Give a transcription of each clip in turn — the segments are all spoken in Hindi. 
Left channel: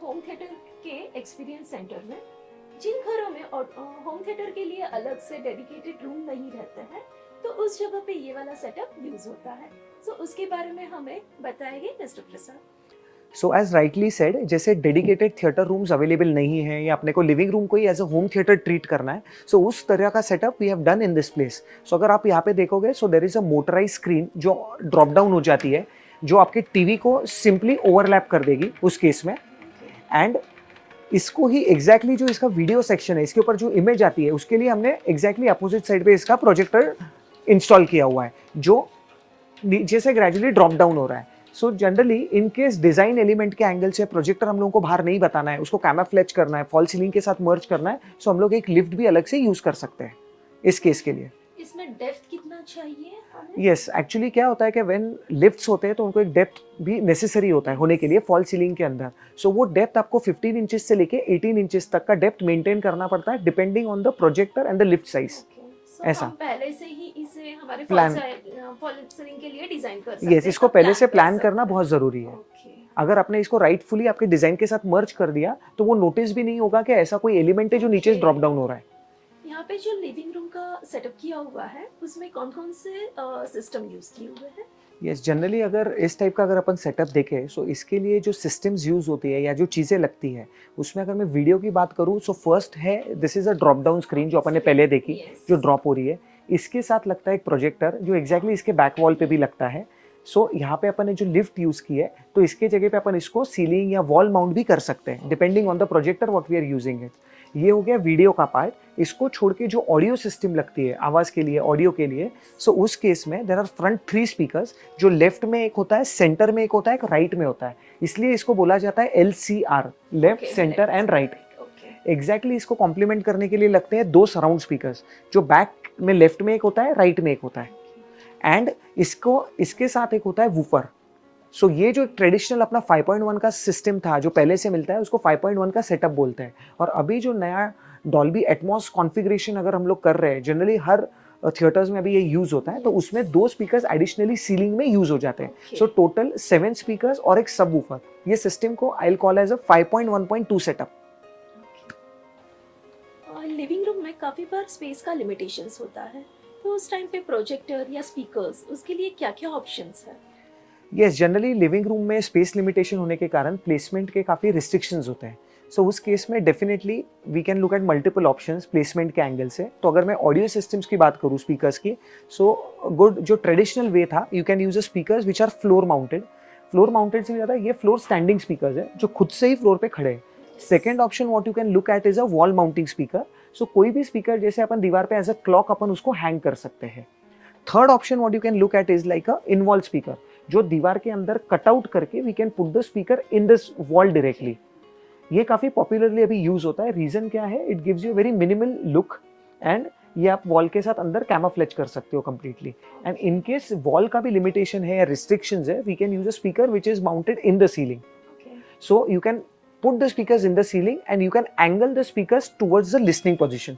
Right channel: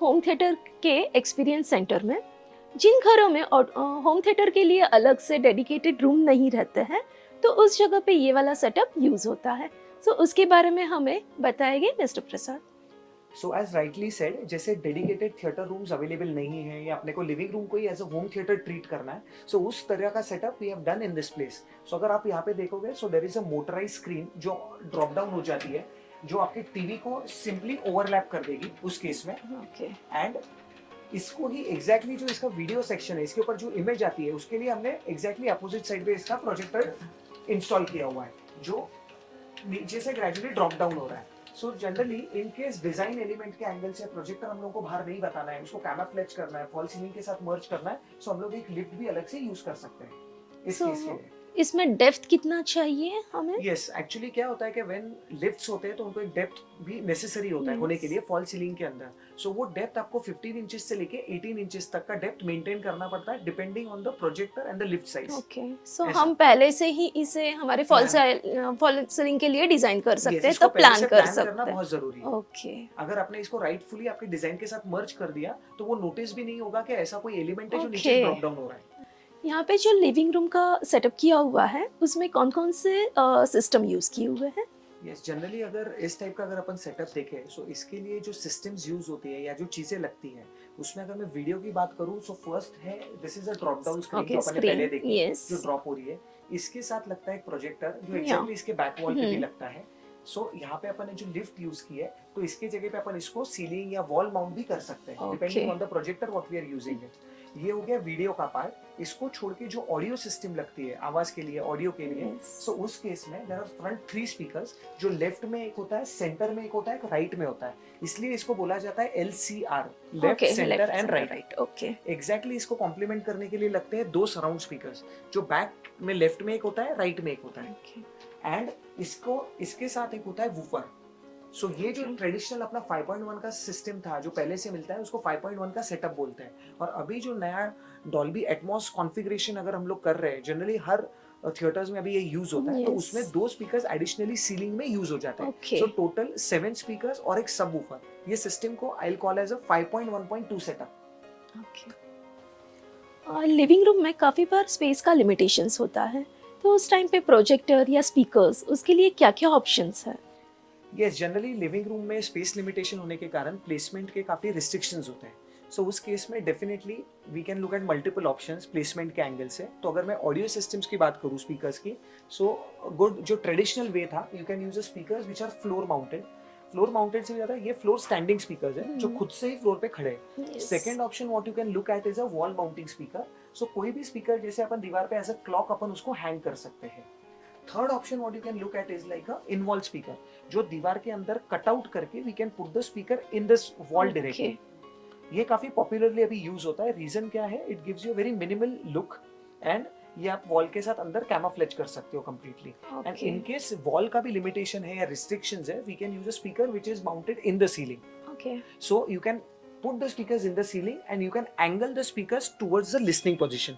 होम थिएटर के एक्सपीरियंस सेंटर में जिन घरों में होम थिएटर के लिए अलग से डेडिकेटेड रूम नहीं रहते हैं, तो उस जगह पे ये वाला सेटअप यूज होता है। सो उसके बारे में हमें बताएंगे mister Prasad. So as rightly said, जैसे डेडिकेटेड थिएटर रूम्स अवेलेबल नहीं है या अपने को लिविंग रूम को ही as a home theatre treat करना है, सो उस तरह का setup we have done in this place. So अगर आप यहाँ पे देखोगे, so there is a motorise screen जो ड्रॉप डाउन हो जाती है, जो आपके टीवी को सिंपली ओवरलैप कर देगी उस केस में। ओके। एंड इसको ही एग्जैक्टली जो इसका वीडियो सेक्शन है, इसके ऊपर जो इमेज आती है, उसके लिए हमने एग्जैक्टली अपोजिट साइड पे इसका प्रोजेक्टर इंस्टॉल किया हुआ है, जो नीचे से ग्रेजुअली ड्रॉप डाउन हो रहा है। So generally in case design element के एंगल से प्रोजेक्टर हम लोगों को बाहर नहीं बताना है, उसको कैमोफ्लेज करना है, फॉल सीलिंग के साथ मर्ज करना है, सो हम लोग एक लिफ्ट भी अलग से यूज कर सकते हैं इस केस के लिए। इसमें डेप्थ कितना चाहिए हमें? यस, एक्चुअली क्या होता है कि व्हेन लिफ्ट्स होते हैं तो उनको एक डेप्थ भी नेसेसरी होता है होने के लिए फॉल सीलिंग के अंदर। सो वो डेप्थ आपको 15 इंचेस से लेके 18 इंचेस तक का डेप्थ मेंटेन करना पड़ता है, depending on the projector and the lift size. Okay. So ऐसा। हम पहले से ही इसे हमारे फॉल सीलिंग के लिए डिजाइन कर सकते यस, हैं, इसको तब पहले से प्लान कर करना सकते बहुत जरूरी है। हैं। ओके। अगर आपने इसको राइटफुली आपके डिजाइन के साथ मर्ज कर दिया, तो वो नोटिस भी नहीं होगा कि ऐसा कोई एलिमेंट है जो नीचे Okay. ड्रॉप डाउन हो रहा है। यहाँ पे जो लिविंग रूम का सेटअप किया हुआ है, उसमें कौन कौन से सिस्टम यूज किए हुए हैं? यस, जनरली अगर इस टाइप का अगर अपन सेटअप देखें, सो इसके लिए जो सिस्टम्स यूज होती है या जो चीजें लगती है, उसमें अगर मैं वीडियो की बात करूँ, सो फर्स्ट है this is a drop down screen जो अपन ने पहले देखी, Yes. जो ड्रॉप हो रही है। इसके साथ लगता है एक प्रोजेक्टर जो एग्जैक्टली इसके बैक वॉल पे भी लगता है। सो यहाँ पे अपन ने जो लिफ्ट यूज की है, तो इसके जगह पे अपन इसको सीलिंग या वॉल माउंट भी कर सकते हैं, depending on the projector what we are using it. ये हो गया वीडियो का पार्ट। इसको छोड़ के जो ऑडियो सिस्टम लगती है आवाज के लिए, ऑडियो के लिए, सो उस केस में देयर आर फ्रंट 3 स्पीकर्स, जो लेफ्ट में एक होता है, सेंटर में एक होता है, एक राइट में होता है। इसलिए इसको बोला जाता है LCR, left centre and right. Okay. Exactly इसको कॉम्प्लीमेंट करने के लिए लगते हैं 2 सराउंड स्पीकर्स, जो बैक में लेफ्ट में एक होता है, राइट में एक होता है। एंड इसको इसके साथ एक होता है वूफर। सो ये जो ट्रेडिशनल अपना 5.1 का सिस्टम था जो पहले से मिलता है, उसको 5.1 का सेटअप बोलते हैं। और अभी जो नया डॉल्बी एटमॉस कॉन्फ़िगरेशन अगर हम लोग कर रहे हैं, जनरली हर थिएटर्स में अभी ये यूज होता है, तो उसमें 2 स्पीकर्स एडिशनली सीलिंग में यूज हो जाते हैं। सो टोटल 7 स्पीकर्स और एक सब वूफर। ये सिस्टम को I will call as a 5.1.2 setup. Living room में काफी बार स्पेस का लिमिटेशंस होता है, तो उस टाइम पे प्रोजेक्टर या स्पीकर्स, उसके लिए क्या क्या ऑप्शंस है? यस, जनरली लिविंग रूम में स्पेस लिमिटेशन होने के कारण प्लेसमेंट के काफ़ी रिस्ट्रिक्शंस होते हैं। सो उस केस में definitely we can look at multiple options placement के एंगल से। तो अगर मैं ऑडियो सिस्टम्स की बात करूँ स्पीकर्स की, सो गुड जो ट्रेडिशनल वे था, you can use a speakers which are floor mounted. Floor mounted से ज़्यादा ये फ्लोर स्टैंडिंग स्पीकर्स है जो खुद से ही फ्लोर पे खड़े हैं। Second option what you can look at is a wall mounting speaker. So कोई भी स्पीकर जैसे अपन दीवार पे एज अ क्लॉक अपन उसको हैंग कर सकते हैं। Third option what you can look at is like a in wall speaker, जो दीवार के अंदर कट आउट करके we can put the speaker in this wall directly. ये काफी पॉपुलरली अभी यूज होता है। रीजन क्या है? It gives you very minimal look and ये आप वॉल के साथ अंदर कैमोफ्लेज कर सकते हो completely. And in case wall का भी लिमिटेशन है या रिस्ट्रिक्शंस है, we can use a speaker which is mounted in the ceiling. So you can put the speakers in the ceiling and you can angle the speakers towards the listening position.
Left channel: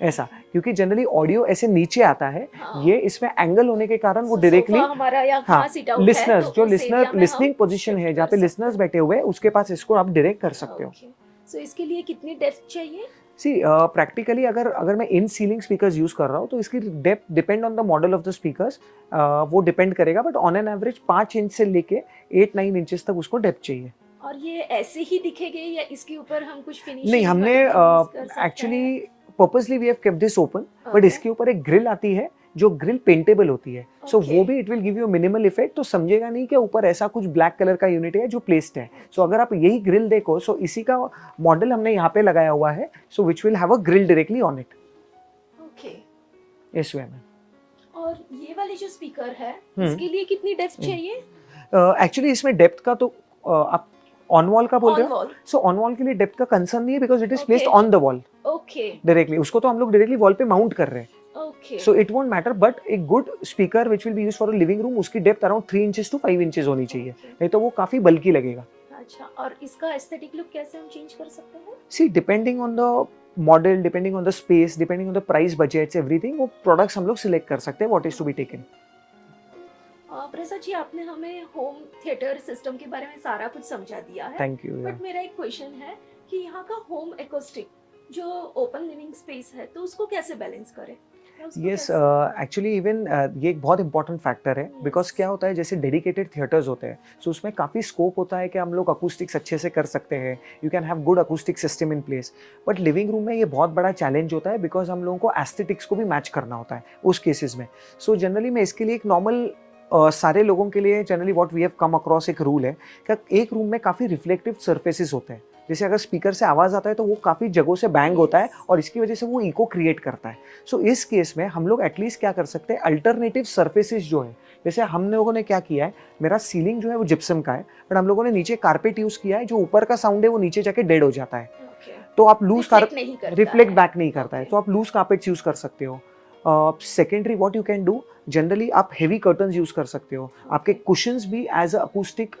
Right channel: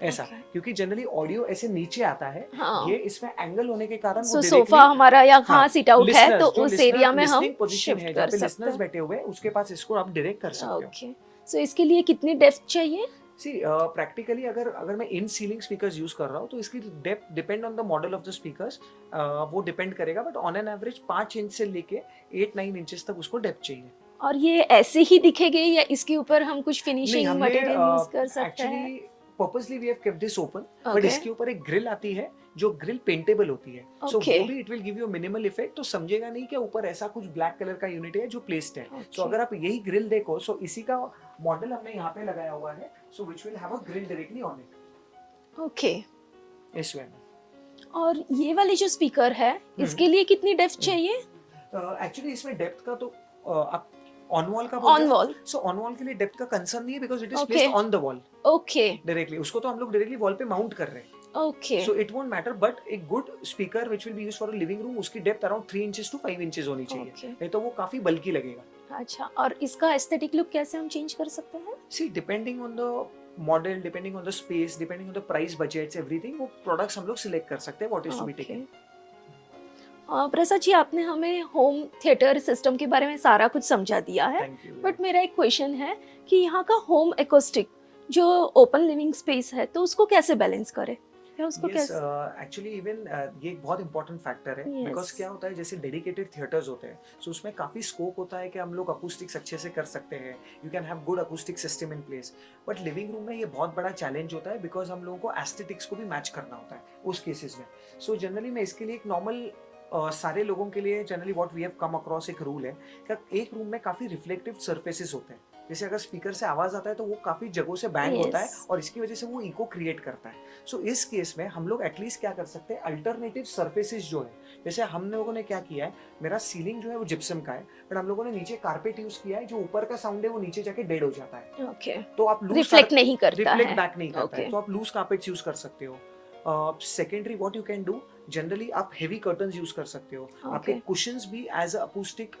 ऐसा, क्योंकि जनरली ऑडियो ऐसे नीचे आता है, ये इसमें एंगल होने के कारण वो डायरेक्टली हमारा या सीट आउट है, तो जो उस एरिया में लिसनिंग पोजीशन है जहाँ पे लिसनर्स बैठे हुए हैं, उसके पास इसको आप डायरेक्ट कर सकते हो। सो इसके लिए कितनी डेप्थ चाहिए? सी प्रैक्टिकली अगर मैं इन सीलिंग स्पीकर्स यूज कर रहा हूँ, तो इसकी depth depend on the model of the speakers, वो डिपेंड करेगा, but on an average 5 inch से लेके 8-9 इंचेस तक उसको डेप्थ चाहिए। और ये ऐसे ही दिखेगी या इसके ऊपर हम कुछ फिनिशिंग नहीं, हमने actually purposely we have kept this open, but इसके ऊपर एक ग्रिल आती है जो ग्रिल पेंटेबल होती है। सो वो भी it will give you minimal effect, तो समझेगा नहीं कि ऊपर ऐसा कुछ ब्लैक कलर का यूनिट है जो प्लेस्ड है। सो अगर आप यही ग्रिल देखो, सो इसी का मॉडल हमने यहाँ पे लगाया हुआ है, so which will have a grill directly on it. Okay. इस वे में। और ये वाली जो स्पीकर है, इसके लिए कितनी डेप्थ चाहिए? एक्चुअली इसमें डेप्थ का तो आप ऑन वॉल का बोल रहे हो? सो ऑन वॉल के लिए डेप्थ का कंसर्न नहीं है, because it is placed on the wall. Okay. Directly उसको तो हम लोग डायरेक्टली वॉल पे माउंट कर रहे हैं। Okay. So it won't matter, but एक good speaker which will be used for a living room, उसकी depth around 3 inches to 5 inches होनी चाहिए, नहीं तो वो काफी बल्की लगेगा। अच्छा, और इसका एस्थेटिक लुक कैसे हम चेंज कर सकते हैं? See depending on the model, depending on the space, depending on the price, budgets, everything, वो प्रोडक्ट्स हम लोग सिलेक्ट कर सकते हैं what is to be taken. Prasad ji, आपने हमें होम थिएटर सिस्टम के बारे में सारा कुछ समझा दिया है, थैंक यू। बट मेरा एक क्वेश्चन है कि यहाँ का होम एकोस्टिक जो ओपन लिविंग स्पेस है, तो उसको कैसे बैलेंस करें, या उसको यस, कैसे? एक्चुअली इवन ये एक बहुत इंपॉर्टेंट फैक्टर है, बिकॉज यस। क्या होता है जैसे डेडिकेटेड थिएटर्स होते हैं, सो उसमें काफ़ी स्कोप होता है कि हम लोग अकूस्टिक्स अच्छे से कर सकते हैं, you can have good acoustic system in place. But living room में ये बहुत बड़ा चैलेंज होता है, बिकॉज हम लोगों को एस्थेटिक्स को भी मैच करना होता है उस केसेस में। सो जनरली मैं इसके लिए एक नॉर्मल सारे लोगों के लिए generally what we have come across एक रूल है कि एक रूम में काफ़ी रिफ्लेक्टिव सर्फेसिस होते हैं। जैसे अगर स्पीकर से आवाज़ आता है तो वो काफ़ी जगहों से बैंग होता है Yes. और इसकी वजह से वो इको क्रिएट करता है। सो इस केस में हम लोग एटलीस्ट क्या कर सकते हैं, अल्टरनेटिव सर्फेसिस जो है, जैसे हम लोगों ने क्या किया है, मेरा सीलिंग जो है वो जिप्सम का है, बट हम लोगों ने नीचे कारपेट यूज़ किया है, जो ऊपर का साउंड है वो नीचे जाके डेड हो जाता है। ओके, तो आप लूज रिफ्लेक्ट नहीं करता रिफ्लेक्ट है। बैक नहीं करता है, ओके। तो आप लूज कारपेट्स यूज कर सकते हो। Secondary what you can do, generally आप हेवी कर्टन्स यूज कर सकते हो, आपके Okay. कुशंस भी एज अ अकूस्टिक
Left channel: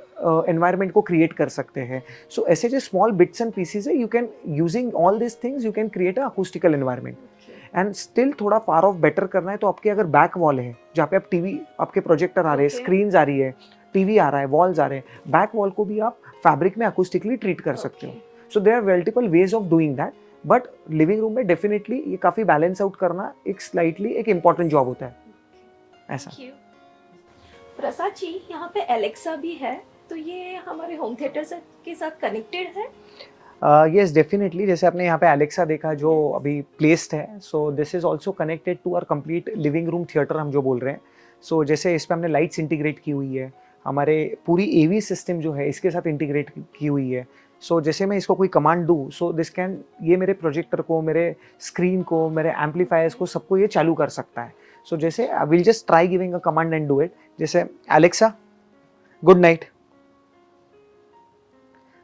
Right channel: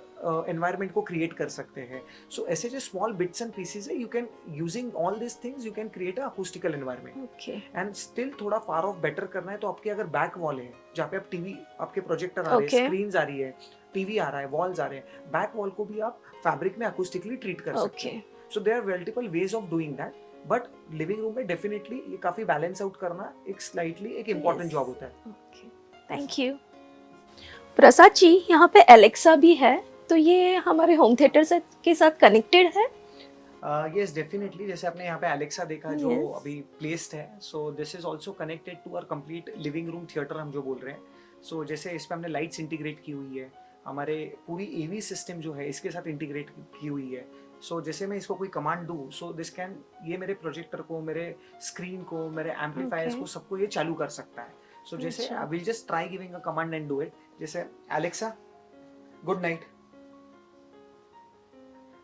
एनवायरनमेंट को क्रिएट कर सकते हैं। सो ऐसे जो स्मॉल बिट्स एंड पीसेस है, you can using all this things you can create a acoustical environment. Okay. And still थोड़ा फार ऑफ बेटर करना है तो आपके अगर बैक वॉल है जहाँ पे आप टीवी, आपके प्रोजेक्टर आ रहे हैं, Okay. स्क्रीन आ रही है, टीवी आ रहा है, वॉल्स आ रहे हैं, बैक वॉल को भी आप फैब्रिक में अकूस्टिकली ट्रीट कर सकते हो। Okay. So there are multiple ways of doing that, but living room में डेफिनेटली ये काफी बैलेंस आउट करना एक स्लाइटली एक इम्पॉर्टेंट Yes. जॉब होता है। Okay. ऐसा। Thank you. प्रसाद जी, यहाँ पे एलेक्सा भी है, तो ये हमारे होम थिएटर से के साथ कनेक्टेड है? यस डेफिनेटली, जैसे आपने यहाँ पे एलेक्सा देखा जो Yes. अभी प्लेस्ड है, so this is also connected to our complete living room theatre हम जो बोल रहे हैं। सो जैसे इस पे हमने लाइट्स इंटीग्रेट की हुई है, हमारे पूरी एवी सिस्टम जो है इसके साथ इंटीग्रेट की हुई है। सो जैसे मैं इसको कोई कमांड दूँ, सो दिस कैन, ये मेरे प्रोजेक्टर को, मेरे स्क्रीन को, मेरे एम्पलीफायर्स Okay. को, सबको ये चालू कर सकता है। सो जैसे I will just try giving a command and do it, जैसे एलेक्सा गुड नाइट।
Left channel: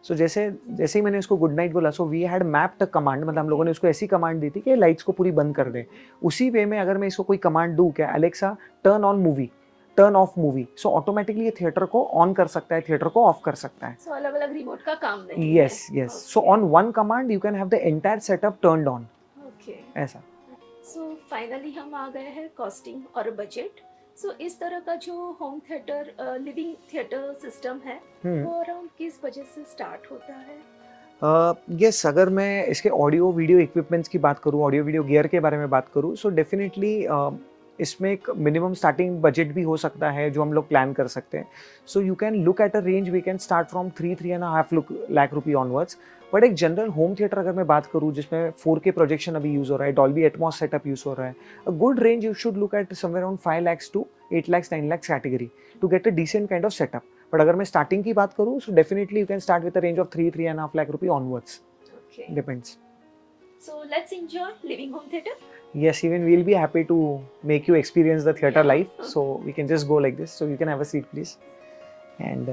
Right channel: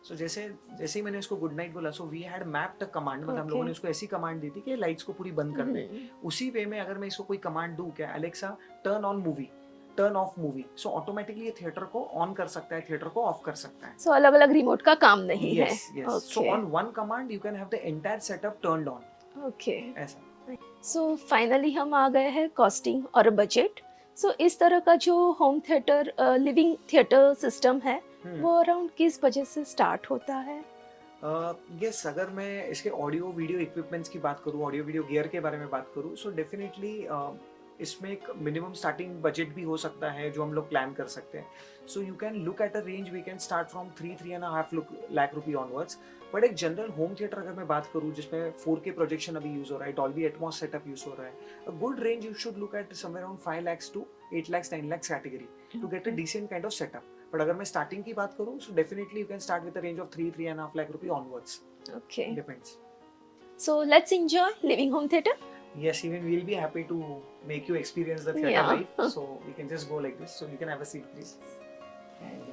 सो जैसे जैसे ही मैंने उसको गुड नाइट बोला, so we had mapped a command, मतलब हम लोगों ने उसको ऐसी कमांड दी थी कि लाइट्स को पूरी बंद कर दे। उसी वे में अगर मैं इसको कोई कमांड दूं, क्या Alexa turn on movie, turn off movie, so automatically ये थिएटर को ऑन कर सकता है, थिएटर को ऑफ कर सकता है। सो अलग अलग रिमोट का काम नहीं है। Yes yes, so on one command you can have the entire setup turned on, okay. ऐसा। सो फाइनली हम आ गए हैं कॉस्टिंग और बजट। सो इस तरह का जो home theatre living theatre system है, वो अराउंड किस बजट से स्टार्ट होता है? यस, अगर मैं इसके ऑडियो वीडियो इक्विपमेंट्स की बात करूँ, ऑडियो वीडियो गियर के बारे में बात करूँ, सो डेफिनेटली इसमें एक मिनिमम स्टार्टिंग बजट भी हो सकता है जो हम लोग प्लान कर सकते हैं। So you can look at a range, we can start from 3-3.5 lakh rupee onwards. But एक जनरल होम थिएटर अगर मैं बात करूँ जिसमें 4K प्रोजेक्शन अभी यूज़ हो रहा है, डॉल्बी एटमॉस सेटअप यूज़ हो रहा है, a good range you should look at somewhere around 5 lakhs to 8 lakhs 9 lakhs category to get a decent kind of setup. But अगर मैं स्टार्टिंग की बात करूँ, so definitely you can start with a range of 3-3.5 lakh rupee onwards, okay. Depends. So let's enjoy living home theatre. Yes, even we'll be happy to make you experience the theater Yeah. live. So we can just go like this. So you can have a seat, please. And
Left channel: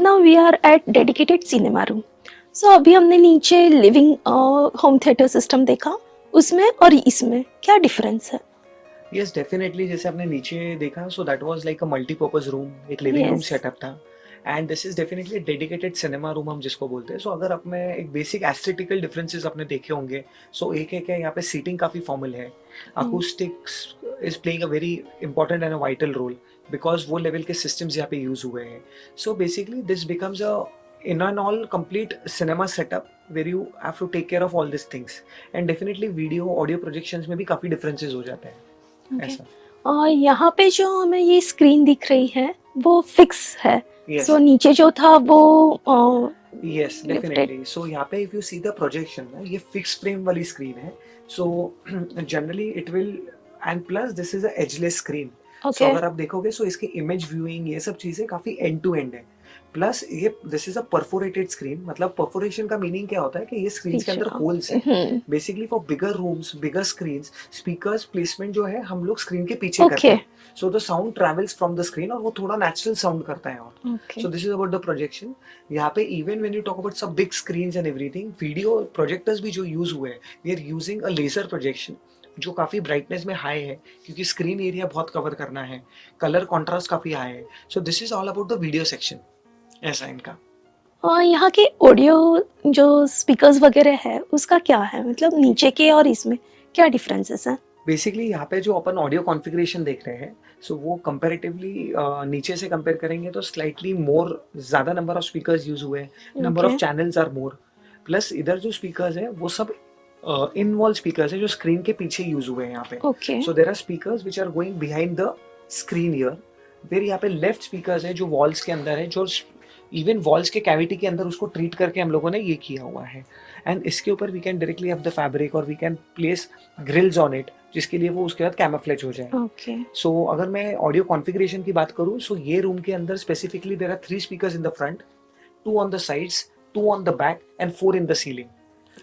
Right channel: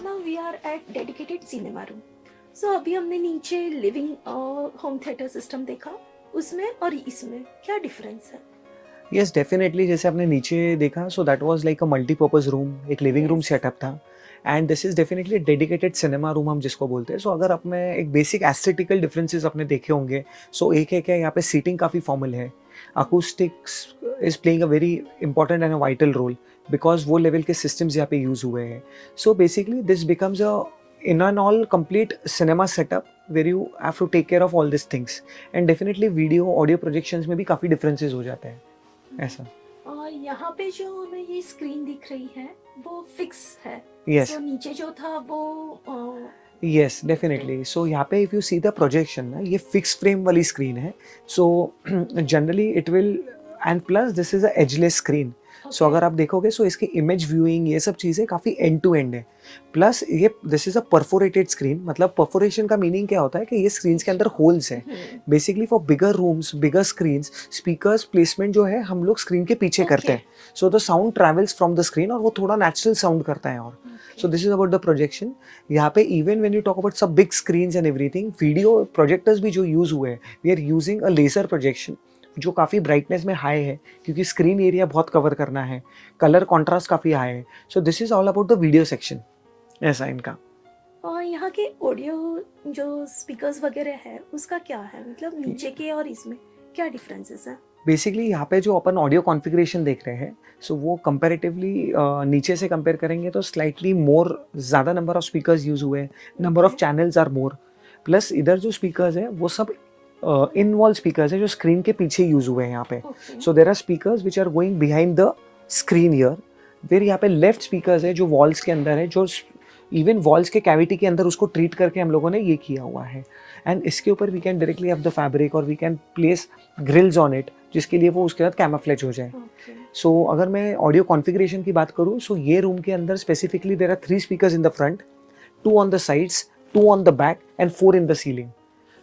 now we are at dedicated cinema room. So अभी हमने नीचे लिविंग होम थिएटर सिस्टम देखा, उसमें और इसमें क्या डिफरेंस है? yes, definitely, जैसे आपने नीचे देखा, so that was like a multi-purpose room, एक living room Yes. setup था. And this is definitely a dedicated cinema room हम जिसको बोलते हैं. So अगर आपने एक basic aesthetical differences आपने देखे होंगे, so एक है यहाँ पे seating काफी formal है, acoustics is playing a very important and a vital role because वो level के systems यहाँ पे use हुए हैं. So basically this becomes a in an all complete cinema setup where you have to take care of all these things, and definitely video audio projections में भी काफी differences हो जाते हैं. Okay. ऐसा। यहाँ पे जो हमें ये स्क्रीन दिख रही है वो फिक्स है। Yes. सो नीचे जो था वो Yes, lifted. definitely. So यहाँ पे if you see the projection ना, ये fixed frame वाली screen है. So generally it will, and plus this is a edgeless screen. So Okay. अगर आप देखोगे, so इसकी image viewing ये सब चीजें काफी end to end है. Plus ये this is a perforated screen, मतलब perforation का meaning क्या होता है कि ये screens के अंदर holes हैं. Basically for bigger rooms, bigger screens, speakers placement जो है हम लोग screen के पीछे करते हैं. So the sound travels from the screen और वो थोड़ा natural sound करता है और. Okay. So this is about the projection. यहाँ पे even when you talk about some big screens and everything, video projectors भी जो use हुए हैं, we are using a laser projection जो काफ़ी ब्राइटनेस में हाई है, क्योंकि स्क्रीन एरिया बहुत कवर करना है, कलर कॉन्ट्रास्ट काफ़ी हाई है. So this is all about the video section. ऐसा इनका. और यहाँ के ऑडियो जो स्पीकर्स वगैरह है उसका क्या है, मतलब नीचे के और इसमें क्या डिफरेंसेस हैं? बेसिकली यहाँ पे जो अपन ऑडियो कॉन्फ़िगरेशन देख रहे हैं, सो वो कंपैरेटिवली नीचे से कंपेयर करेंगे तो स्लाइटली मोर, ज़्यादा नंबर ऑफ स्पीकर्स यूज़ हुए हैं, number of okay, channels are more. Plus इधर जो स्पीकर्स हैं वो सब इन वॉल स्पीकर्स हैं जो स्क्रीन के पीछे यूज़ हुए हैं यहाँ पे. Okay, so there are speakers which are going behind the screen here. फिर यहाँ पे लेफ्ट स्पीकर्स है जो वॉल्स के अंदर है, जो इवन वॉल्स के कैविटी के अंदर उसको ट्रीट करके हम लोगों ने ये किया हुआ है. एंड इसके ऊपर we can directly have the fabric और we can place grills on it, जिसके लिए वो उसके बाद कैमोफ्लेज हो जाए. ओके, सो अगर मैं ऑडियो कॉन्फ़िगरेशन की बात करूँ, सो ये रूम के अंदर specifically there are 3 speakers in the front, 2 on the sides, 2 on the back and 4 in the ceiling.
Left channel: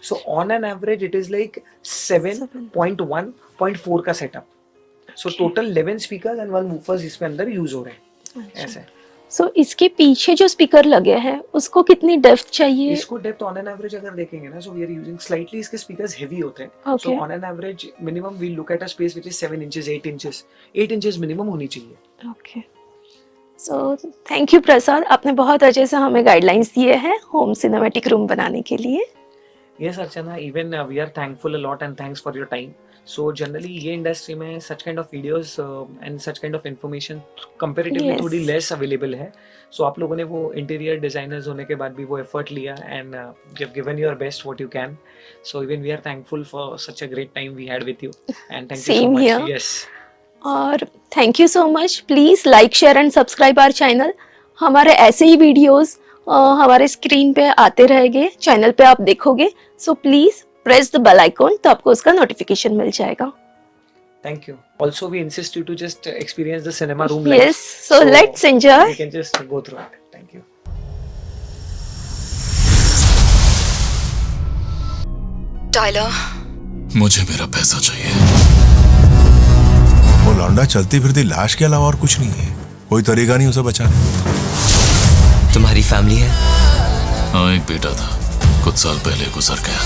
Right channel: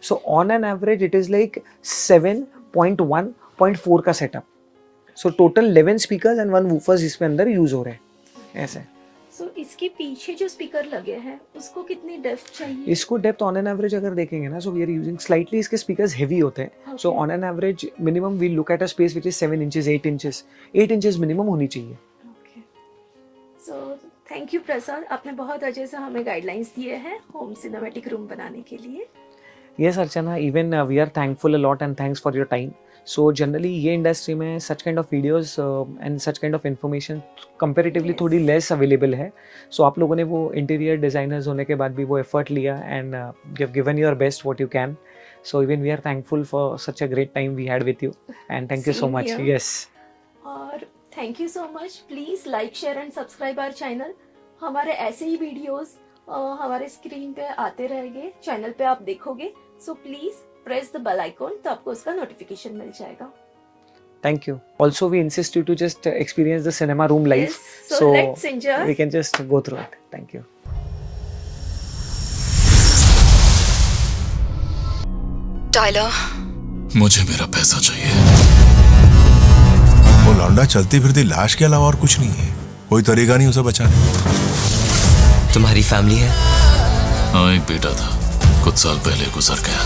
So on an average it is like 7.1, 0.4 का setup. So total 11 speakers and 1 woofers इसमें अंदर यूज हो रहे हैं. ऐसा है. सो इसके पीछे जो स्पीकर लगे हैं उसको कितनी डेप्थ चाहिए? इसको डेप्थ ऑन एन एवरेज अगर देखेंगे ना, so we are using slightly, इसके स्पीकर्स हेवी होते हैं. So Okay. On an average minimum we look at a space which is 7 inches, 8 inches. 8 inches minimum होनी चाहिए. Okay, so thank you Prasad, आपने बहुत अच्छे से हमें गाइडलाइंस दिए हैं होम सिनेमैटिक रूम बनाने के लिए. Yes, Archana, even we are thankful a lot and thanks for your time. So generally ये इंडस्ट्री में such kind of videos and such kind of information comparatively Yes. थोड़ी less available है. So आप लोगों ने वो इंटीरियर डिजाइनर्स होने के बाद भी वो एफर्ट लिया and you have given your best what you can. So even we are thankful for such a great time we had with you and thank you so Same much. here. Yes. और thank you so much. Please like, share and subscribe our channel. हमारे ऐसे ही वीडियोस हमारे स्क्रीन पे आते रहेंगे, चैनल पे आप देखोगे. So please press the bell icon, तो आपको उसका नोटिफिकेशन मिल जाएगा. Thank you. Also we insist you to just experience the cinema room life. Yes, so let's enjoy. We can just go through it. Thank you. Tyler, मुझे मेरा पैसा चाहिए। वो लौंडा चलती फिरती लाश के अलावा और कुछ नहीं है। कोई तरीका नहीं उसे बचाने का। तुम्हारी फैमिली है? हाँ, एक बेटा था, कुछ साल पहले गुजर गया।